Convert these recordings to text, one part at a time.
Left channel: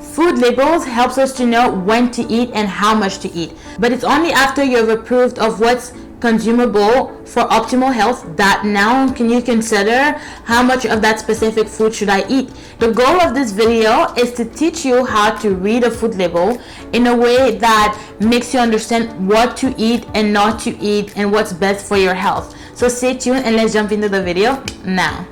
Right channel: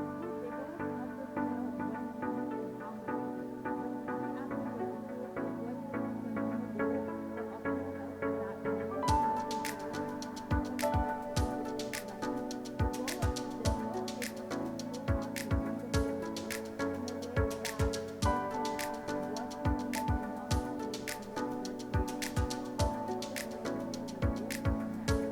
Food labels helps us to know when to eat and how much to eat, but it's only after you have approved of what's consumable for optimal health that now can you consider how much of that specific food should I eat. The goal of this video is to teach you how to read a food label in a way that makes you understand what to eat and not to eat and what's best for your health. So stay tuned and let's jump into the video now.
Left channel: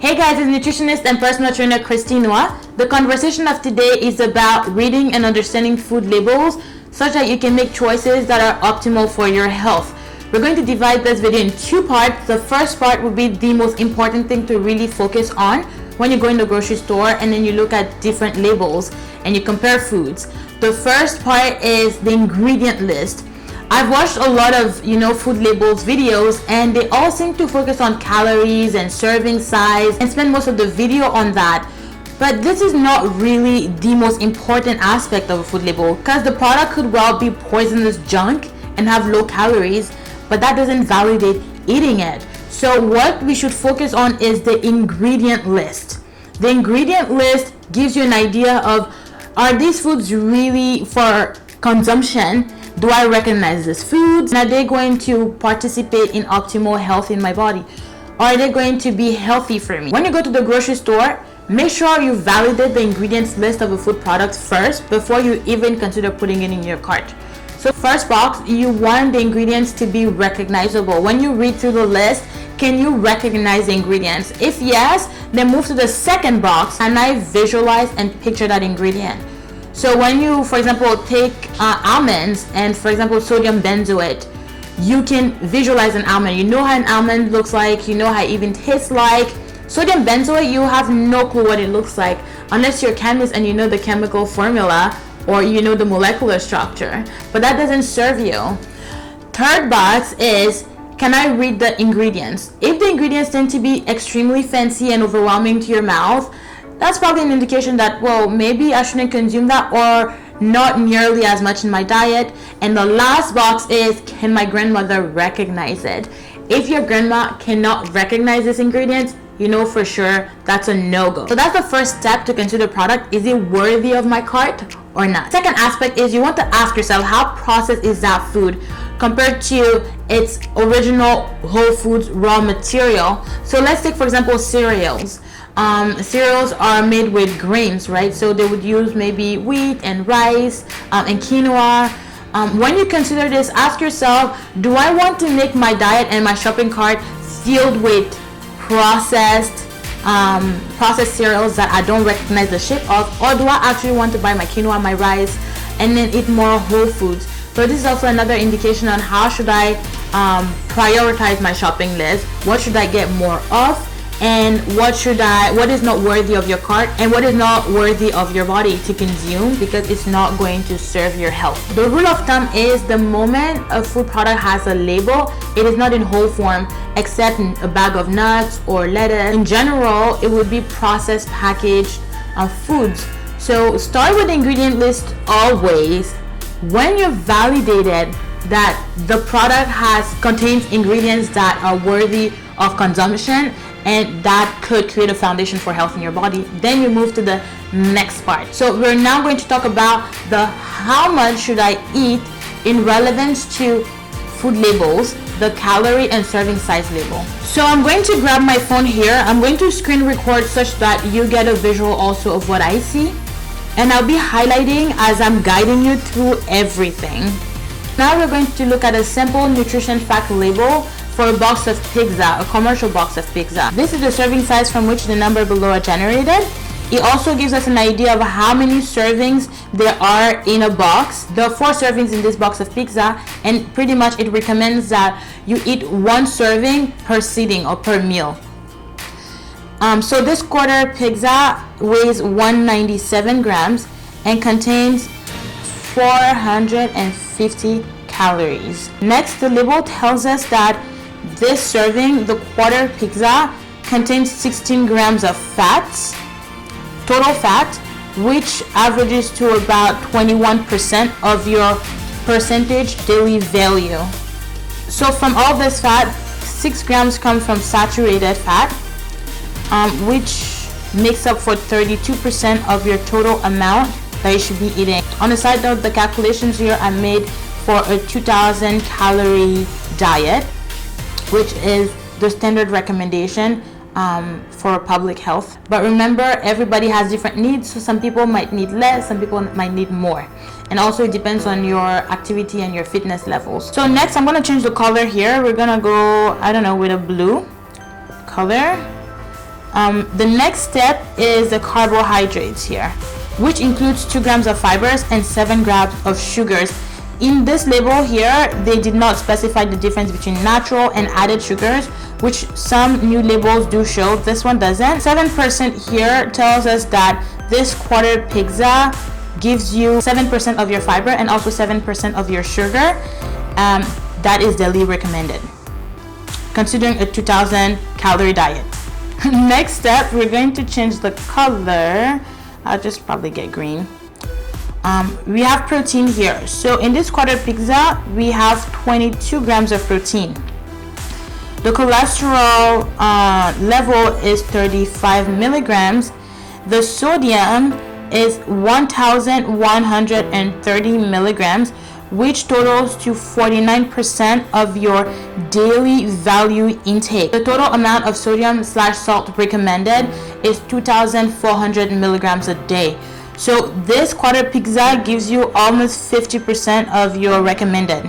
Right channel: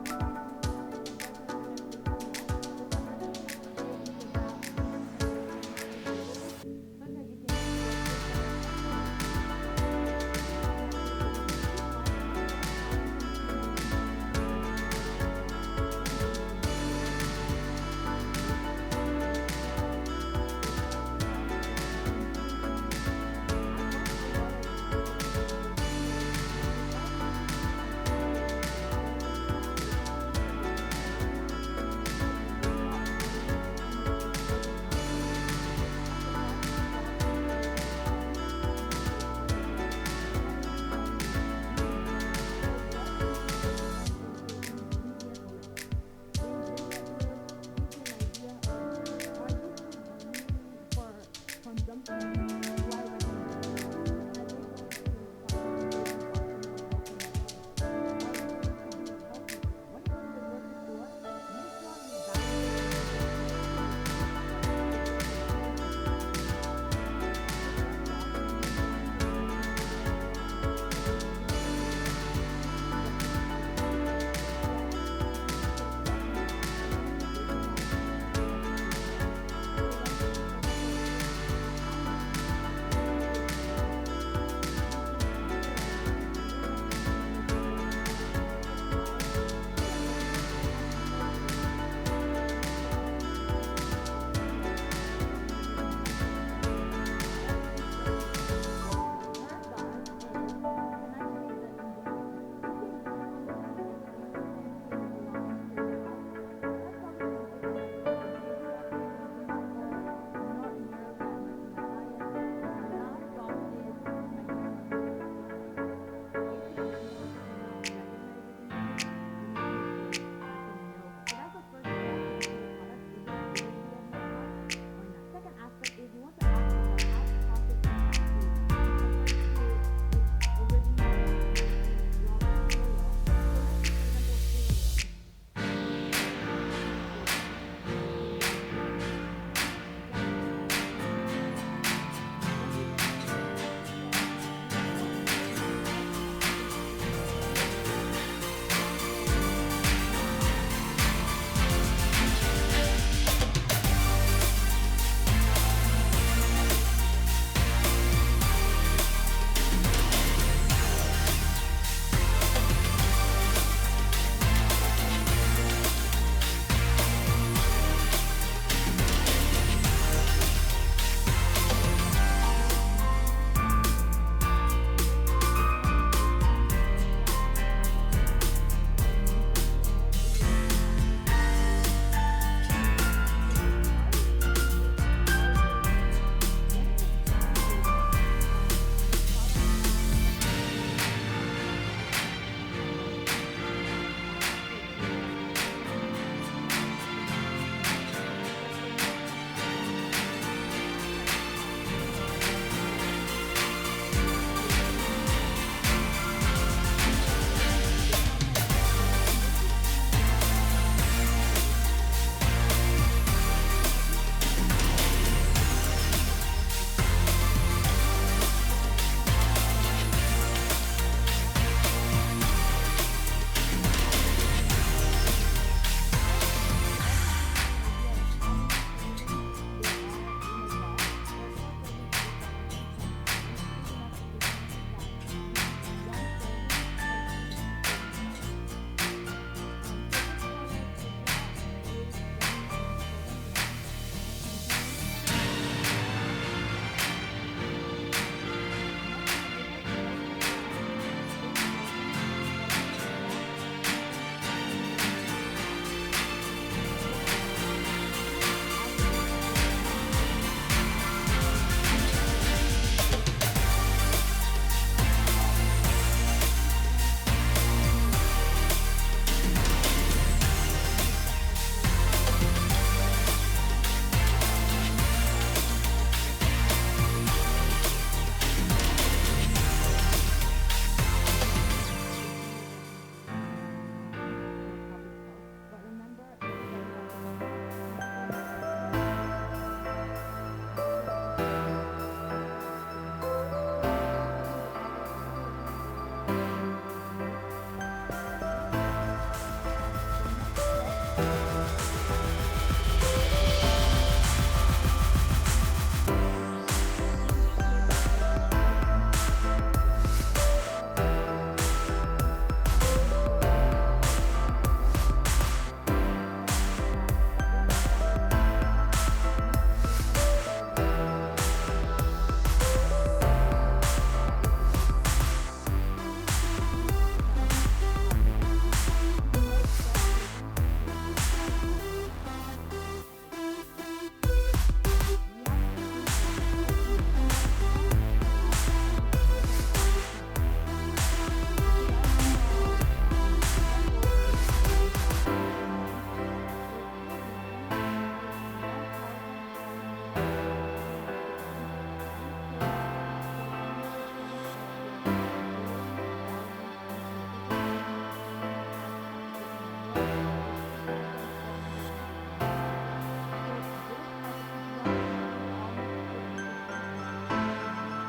Hey guys, it's nutritionist and personal trainer Christine Noua. The conversation of today is about reading and understanding food labels such that you can make choices that are optimal for your health. We're going to divide this video in two parts. The first part will be the most important thing to really focus on when you go in the grocery store and then you look at different labels and you compare foods. The first part is the ingredient list. I've watched a lot of food labels videos and they all seem to focus on calories and serving size and spend most of the video on that. But this is not really the most important aspect of a food label, because the product could well be poisonous junk and have low calories, but that doesn't validate eating it. So what we should focus on is the ingredient list. The ingredient list gives you an idea of, are these foods really for consumption? Do I recognize these foods? Are they going to participate in optimal health in my body? Are they going to be healthy for me? When you go to the grocery store, make sure you validate the ingredients list of a food product first before you even consider putting it in your cart. So first box, you want the ingredients to be recognizable. When you read through the list, can you recognize the ingredients? If yes, then move to the second box and I visualize and picture that ingredient. So when you, for example, take almonds and, for example, sodium benzoate, you can visualize an almond. You know how an almond looks like, you know how it even tastes like. Sodium benzoate, you have no clue what it looks like unless you're a chemist and you know the chemical formula or you know the molecular structure, but that doesn't serve you. Third box is, can I read the ingredients? If the ingredients tend to be extremely fancy and overwhelming to your mouth, that's probably an indication that, well, maybe I shouldn't consume that or not nearly as much in my diet. And the last box is, can my grandmother recognize it? If your grandma cannot recognize these ingredients, you know for sure that's a no-go. So that's the first step to consider product. Is it worthy of my cart or not? Second aspect is you want to ask yourself, how processed is that food compared to its original whole foods raw material? So let's take, for example, cereals. Cereals are made with grains, right? So they would use maybe wheat and rice and quinoa. When you consider this, ask yourself, do I want to make my diet and my shopping cart filled with processed cereals that I don't recognize the shape of, or do I actually want to buy my quinoa, my rice, and then eat more whole foods? So this is also another indication on how should I prioritize my shopping list. What should I get more of? And what is not worthy of your cart and what is not worthy of your body to consume, because it's not going to serve your health. The rule of thumb is the moment a food product has a label, it is not in whole form except in a bag of nuts or lettuce. In general, it would be processed packaged foods. So start with the ingredient list always. When you've validated that the product contains ingredients that are worthy of consumption and that could create a foundation for health in your body, then you move to the next part. So we're now going to talk about the how much should I eat in relevance to food labels, the calorie and serving size label. So I'm going to grab my phone here. I'm going to screen record such that you get a visual also of what I see, and I'll be highlighting as I'm guiding you through everything. Now we're going to look at a simple nutrition fact label for a box of pizza, a commercial box of pizza. This is the serving size from which the number below are generated. It also gives us an idea of how many servings there are in a box. There are 4 servings in this box of pizza, and pretty much it recommends that you eat 1 serving per sitting or per meal. So this quarter pizza weighs 197 grams and contains 450 calories. Next, the label tells us that this serving, the quarter pizza, contains 16 grams of fats, total fat, which averages to about 21% of your percentage daily value. So from all this fat, 6 grams come from saturated fat, which makes up for 32% of your total amount that you should be eating. On a side note, the calculations here are made for a 2,000 calorie diet, which is the standard recommendation for public health. But remember, everybody has different needs, so some people might need less, some people might need more, and also it depends on your activity and your fitness levels. So next, I'm going to change the color here. We're going to go, I don't know, with a blue color. The next step is the carbohydrates here, which includes 2 grams of fibers and 7 grams of sugars. In this label here, they did not specify the difference between natural and added sugars, which some new labels do show. This one doesn't. 7% here tells us that this quarter pizza gives you 7% of your fiber and also 7% of your sugar. That is daily recommended, considering a 2,000 calorie diet. Next step, we're going to change the color. I'll just probably get green. We have protein here. So in this quarter pizza, we have 22 grams of protein. The cholesterol level is 35 milligrams. The sodium is 1,130 milligrams, which totals to 49% of your daily value intake. The total amount of sodium/salt recommended is 2,400 milligrams a day. So this quarter pizza gives you almost 50% of your recommended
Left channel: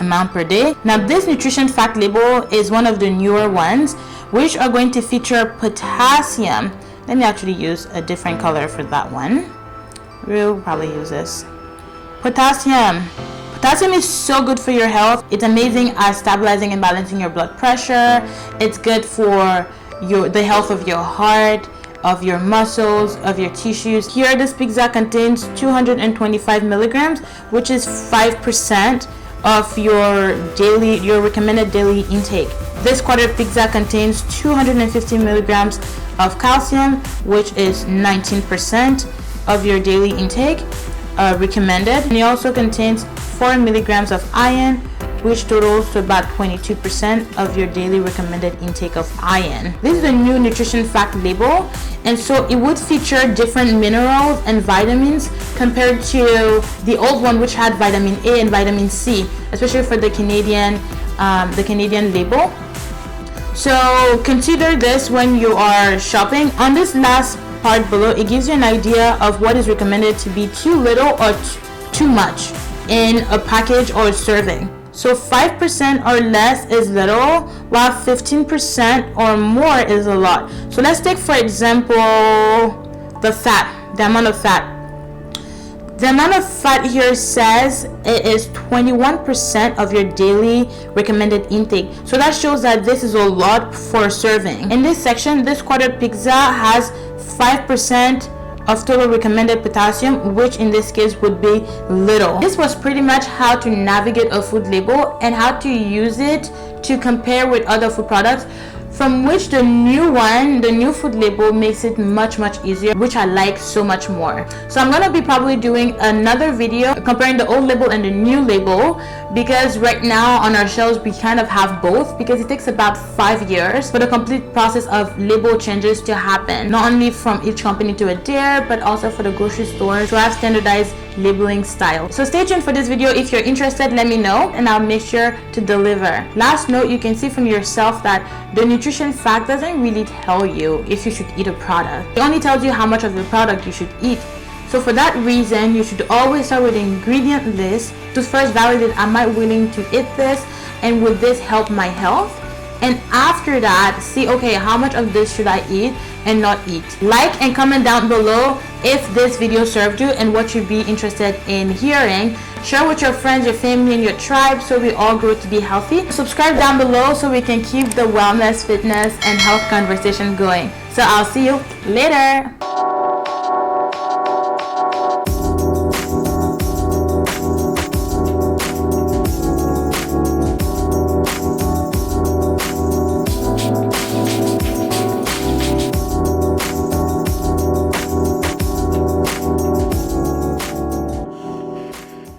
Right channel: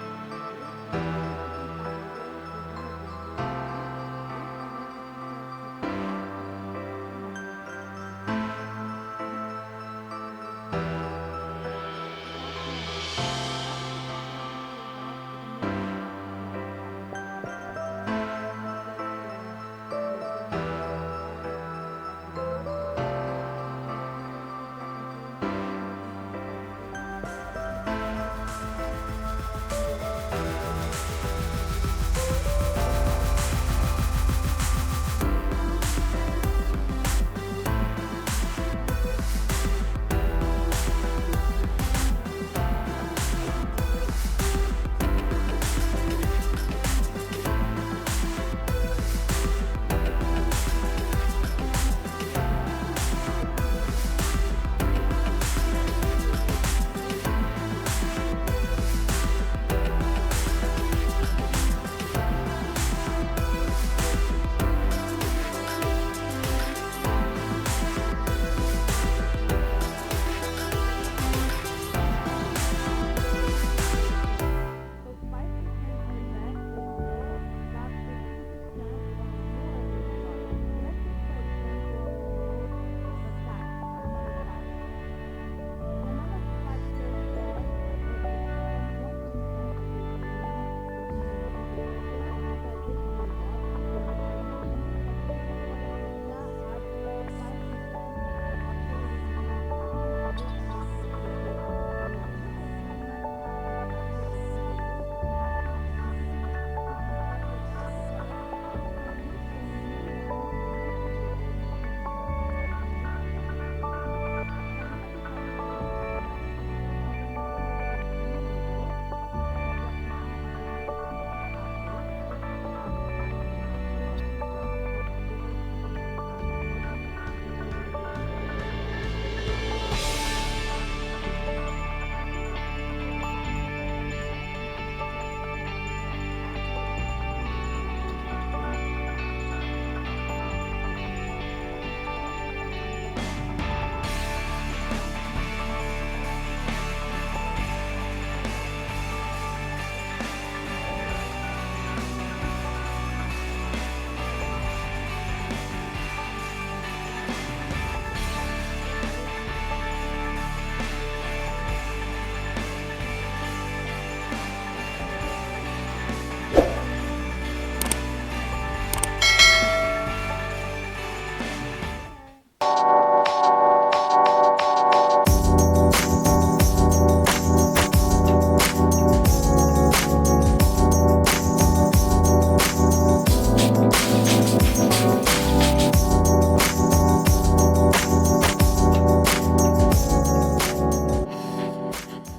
amount per day. Now this nutrition fact label is one of the newer ones, which are going to feature potassium. Let me actually use a different color for that one. We'll probably use this. Potassium. Potassium is so good for your health. It's amazing at stabilizing and balancing your blood pressure. It's good for the health of your heart, of your muscles, of your tissues. Here, this pizza contains 225 milligrams, which is 5% of your recommended daily intake. This quarter pizza contains 250 milligrams of calcium, which is 19% of your daily intake recommended. And it also contains 4 milligrams of iron, which totals to about 22% of your daily recommended intake of iron. This is a new nutrition fact label, and so it would feature different minerals and vitamins compared to the old one, which had vitamin A and vitamin C, especially for the Canadian label. So consider this when you are shopping. On this last part below, it gives you an idea of what is recommended to be too little or too much in a package or a serving. So 5% or less is little, while 15% or more is a lot. So let's take, for example, the amount of fat. The amount of fat here says it is 21% of your daily recommended intake. So that shows that this is a lot for serving. In this section, this quarter pizza has 5% of total recommended potassium, which in this case would be little. This was pretty much how to navigate a food label and how to use it to compare with other food products, from which the new food label makes it much easier, which I like so much more. So I'm gonna be probably doing another video comparing the old label and the new label, because right now on our shelves we kind of have both, because it takes about 5 years for the complete process of label changes to happen, not only from each company to adhere, but also for the grocery stores to have standardized labeling style. So stay tuned for this video. If you're interested, let me know and I'll make sure to deliver. Last note, you can see from yourself that the nutrition fact doesn't really tell you if you should eat a product. It only tells you how much of the product you should eat. So for that reason, you should always start with the ingredient list to first validate, am I willing to eat this, and will this help my health? And after that, see, okay, how much of this should I eat and not eat? Like and comment down below if this video served you and what you'd be interested in hearing. Share with your friends, your family, and your tribe so we all grow to be healthy. Subscribe down below so we can keep the wellness, fitness, and health conversation going. So I'll see you later.